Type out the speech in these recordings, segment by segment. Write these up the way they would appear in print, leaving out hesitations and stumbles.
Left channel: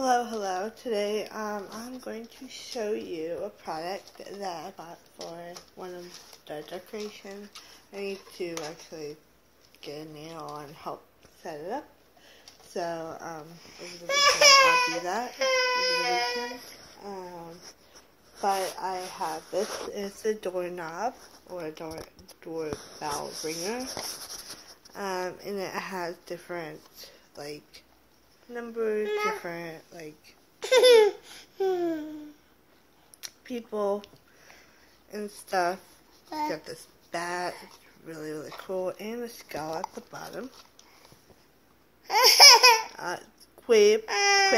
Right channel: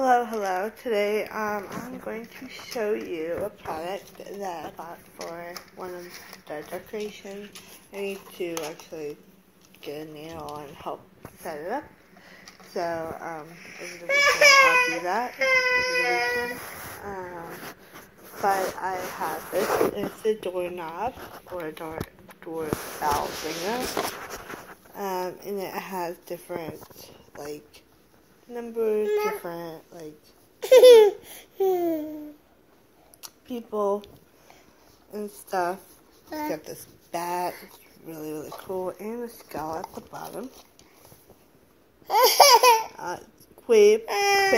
Hello. Today, I'm going to show you a product that I bought for one of the decorations. I need to actually get a nail and help set it up. So, over the weekend, I'll do that over the weekend. But I have this. It's a doorknob or a doorbell ringer. And it has different, numbers, different, people and stuff. You got this bat, it's really cool, and a skull at the bottom. Quick, fine.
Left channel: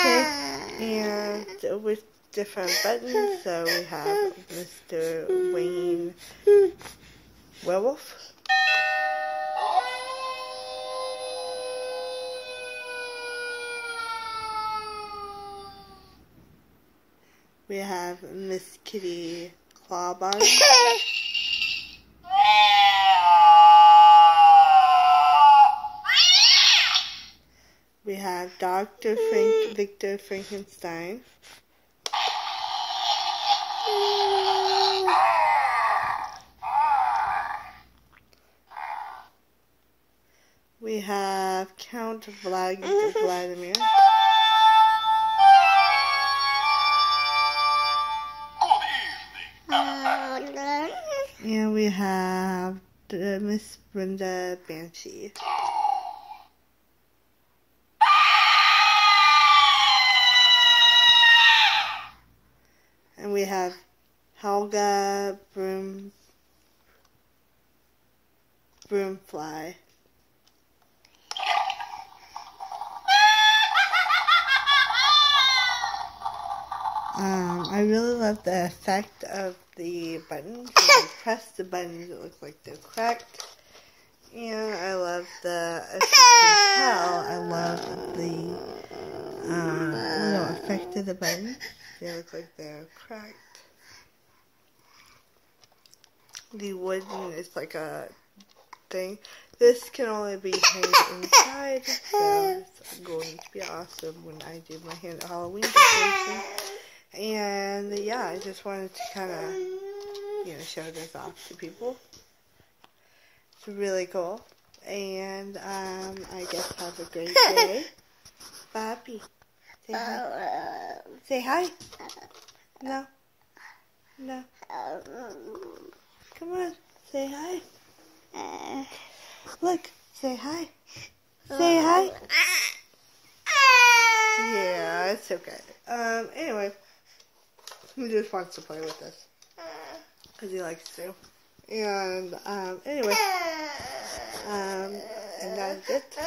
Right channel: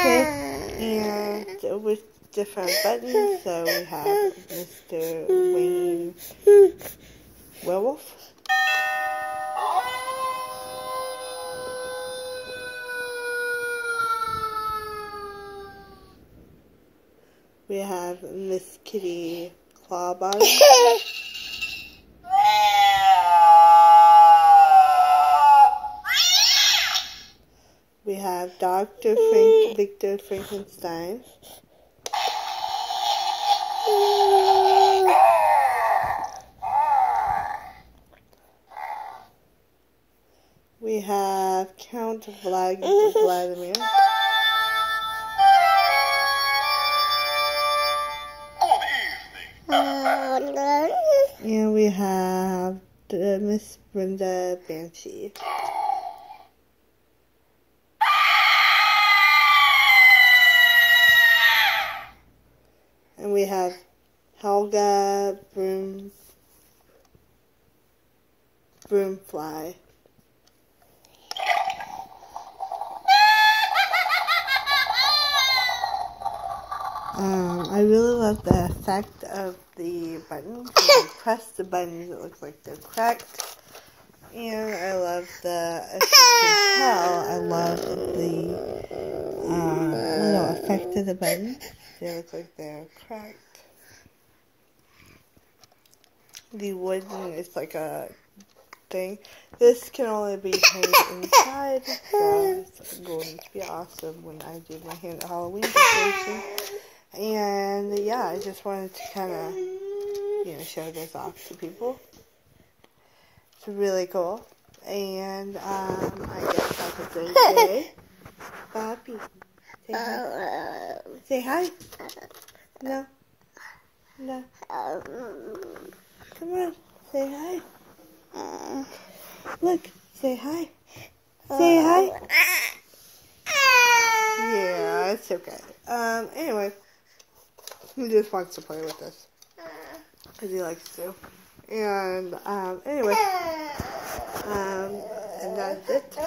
Okay, and with different buttons, so we have Mr. Wayne Werewolf. We have Miss Kitty Clawbody. We have Dr. Victor Frankenstein. We have Count Vladimir. And we have Miss Brenda Banshee. And we have Helga Broomfly. I really love the effect of the buttons. When you press the buttons, it looks like they're cracked. And I love as you can tell, I love the little effect of the buttons. They look like they're cracked. The wooden is like a thing. This can only be hanged inside, so it's going to be awesome when I do my Halloween decoration. And yeah, I just wanted to kind of, show this off to people. It's really cool. And I guess have a great day. Papi, say hi. Say hi. No. Come on, say hi. Look, say hi. Say hi. Yeah, it's okay. Anyway. He just wants to play with this because he likes to. And anyway, and that's it for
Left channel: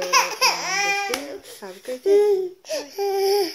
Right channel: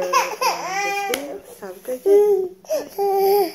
this video. Have a great day. Bye.